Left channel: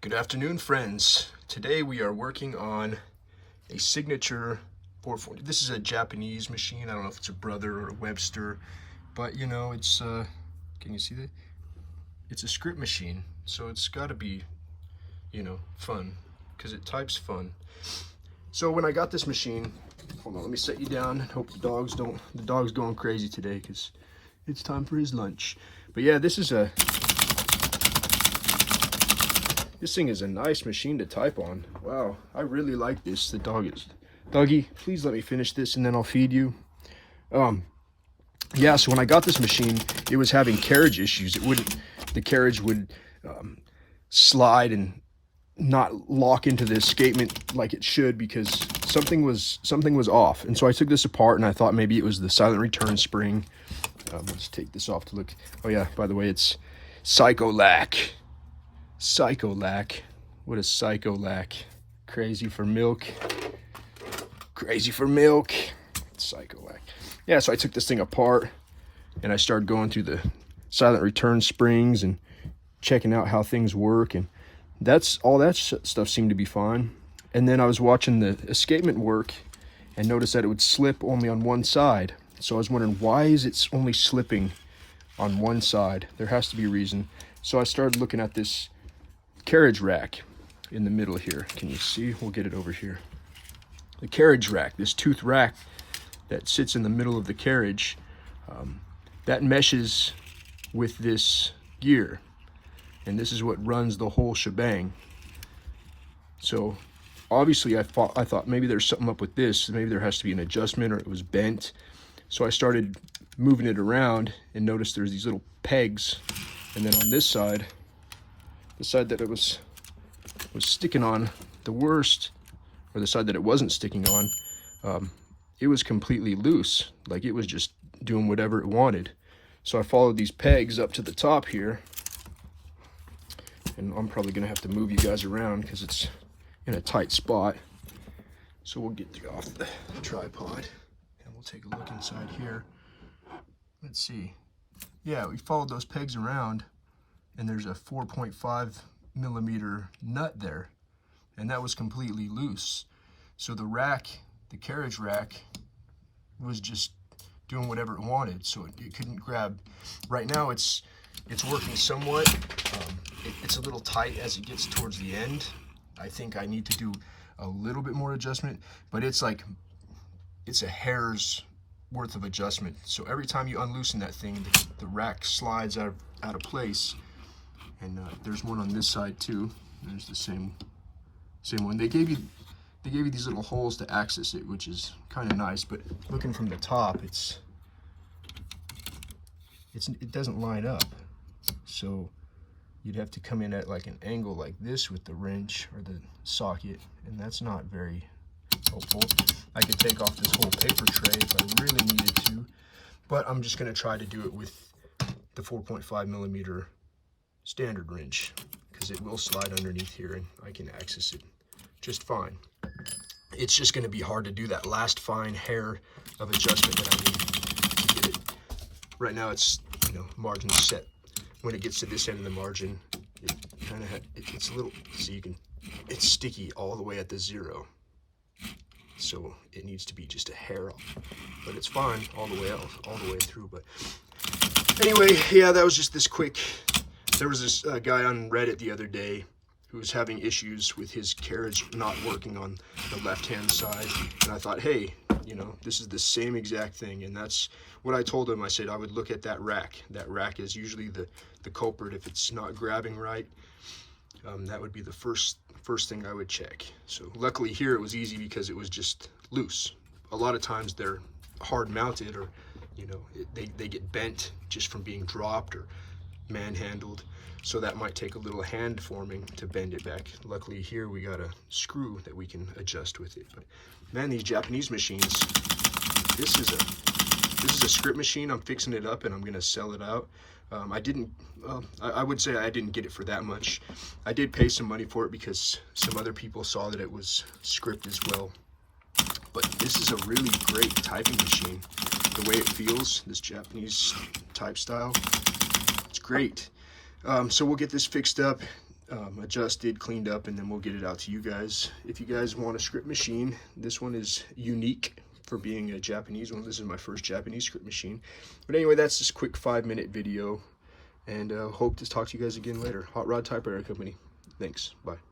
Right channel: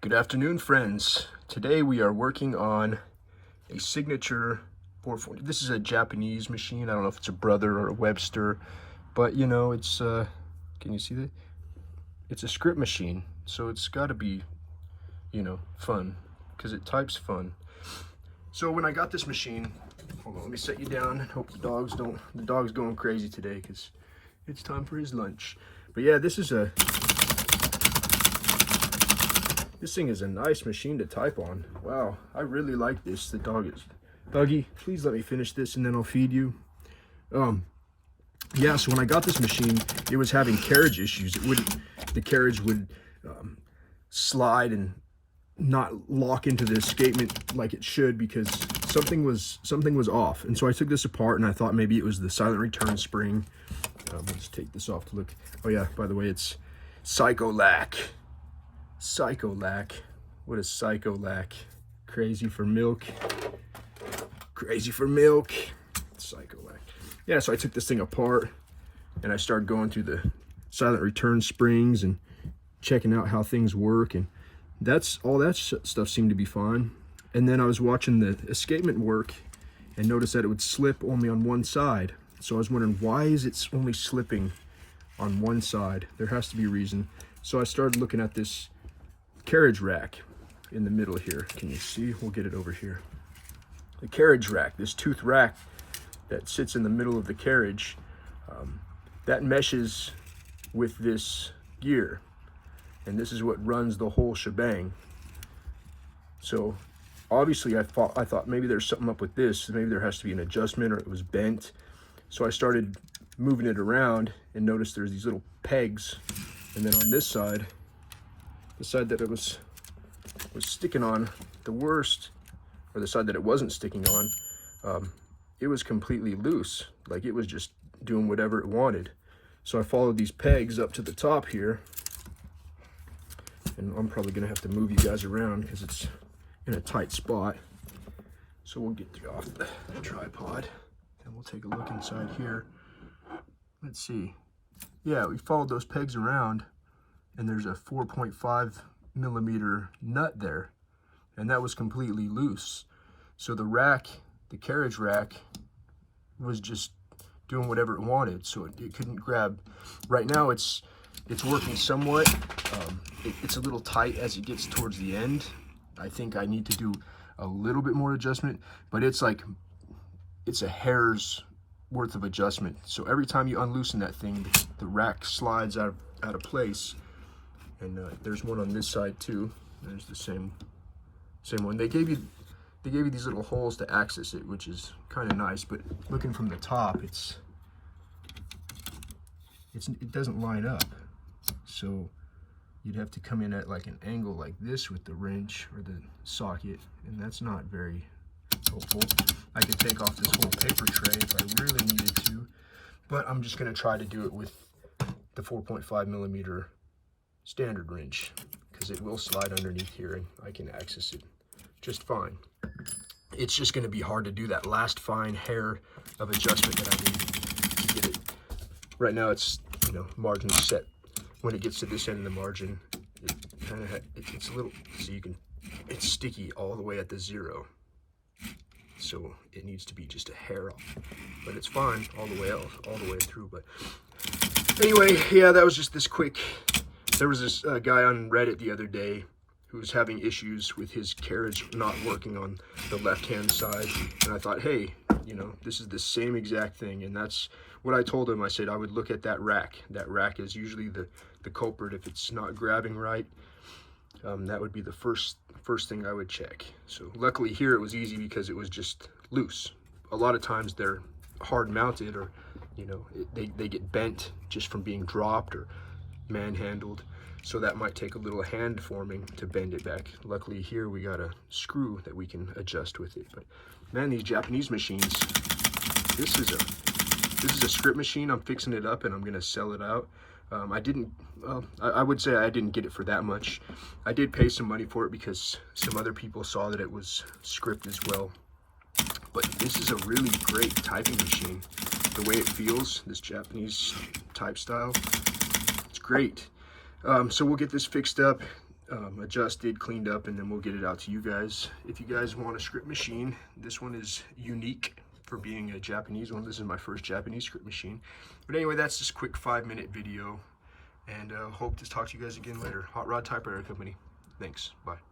Good afternoon, friends. Today we are working on a signature 440. This is a Japanese machine. I don't know if it's a Brother or a Webster, but you know, it's can you see that? It's a script machine, so it's got to be, you know, fun because it types fun. So when I got this machine, hold on, let me set you down and hope the dog's going crazy today because it's time for his lunch. But yeah, this thing is a nice machine to type on. Wow, I really like this. The dog is. Doggy, please let me finish this and then I'll feed you. Yeah, so when I got this machine, it was having carriage issues. The carriage would slide and not lock into the escapement like it should because something was off. And so I took this apart and I thought maybe it was the silent return spring. Let's take this off to look. Oh yeah, by the way, it's Psycholac. Psycholac. What is Psycholac? Crazy for milk. Crazy for milk. Psycholac. Yeah, so I took this thing apart and I started going through the silent return springs and checking out how things work, and that's all. That stuff seemed to be fine. And then I was watching the escapement work and noticed that it would slip only on one side. So I was wondering, why is it only slipping on one side? There has to be a reason. So I started looking at this carriage rack in the middle here. Can you see? We'll get it over here. The carriage rack, this tooth rack that sits in the middle of the carriage, that meshes with this gear, and this is what runs the whole shebang. So obviously I thought maybe there's something up with this. Maybe there has to be an adjustment or it was bent. So I started moving it around and noticed there's these little pegs, and then on this side, the side that it was sticking on the worst, or the side that it wasn't sticking on, it was completely loose. Like it was just doing whatever it wanted. So I followed these pegs up to the top here, and I'm probably gonna have to move you guys around because it's in a tight spot. So we'll get you off the tripod and we'll take a look inside here. Let's see. Yeah, we followed those pegs around, and there's a 4.5 millimeter nut there, and that was completely loose. So the rack, the carriage rack, was just doing whatever it wanted, so it couldn't grab. Right now it's working somewhat. It's a little tight as it gets towards the end. I think I need to do a little bit more adjustment, but it's a hair's worth of adjustment. So every time you unloosen that thing, the rack slides out of place. And there's one on this side too. There's the same one. They gave you these little holes to access it, which is kind of nice, but looking from the top, it doesn't line up. So you'd have to come in at like an angle like this with the wrench or the socket, and that's not very helpful. I could take off this whole paper tray if I really needed to, but I'm just going to try to do it with the 4.5 millimeter standard wrench because it will slide underneath here and I can access it just fine. It's just going to be hard to do that last fine hair of adjustment that I need to get it. Right now it's, you know, margin set. When it gets to this end of the margin, it's a little, so you can, it's sticky all the way at the zero. So it needs to be just a hair off, but it's fine all the way through. But anyway, yeah, that was just this quick. There was this guy on Reddit the other day who was having issues with his carriage not working on the left-hand side, and I thought, hey, you know, this is the same exact thing. And that's what I told him. I said I would look at that rack. That rack is usually the culprit if it's not grabbing right. That would be the first thing I would check. So luckily here it was easy because it was just loose. A lot of times they're hard mounted, or you know, they get bent just from being dropped or manhandled. So that might take a little hand forming to bend it back. Luckily here we got a screw that we can adjust with it. But man, these Japanese machines, this is a script machine. I'm fixing it up and I'm gonna sell it out. I would say I didn't get it for that much. I did pay some money for it because some other people saw that it was script as well. But this is a really great typing machine. The way it feels, this Japanese type style, it's great. So we'll get this fixed up. adjusted, cleaned up, and then we'll get it out to you guys. If you guys want a script machine, this one is unique for being a Japanese one. This is my first Japanese script machine. But anyway, that's just a quick 5-minute video, and hope to talk to you guys again later. Hot Rod Typewriter Company. Thanks. Bye.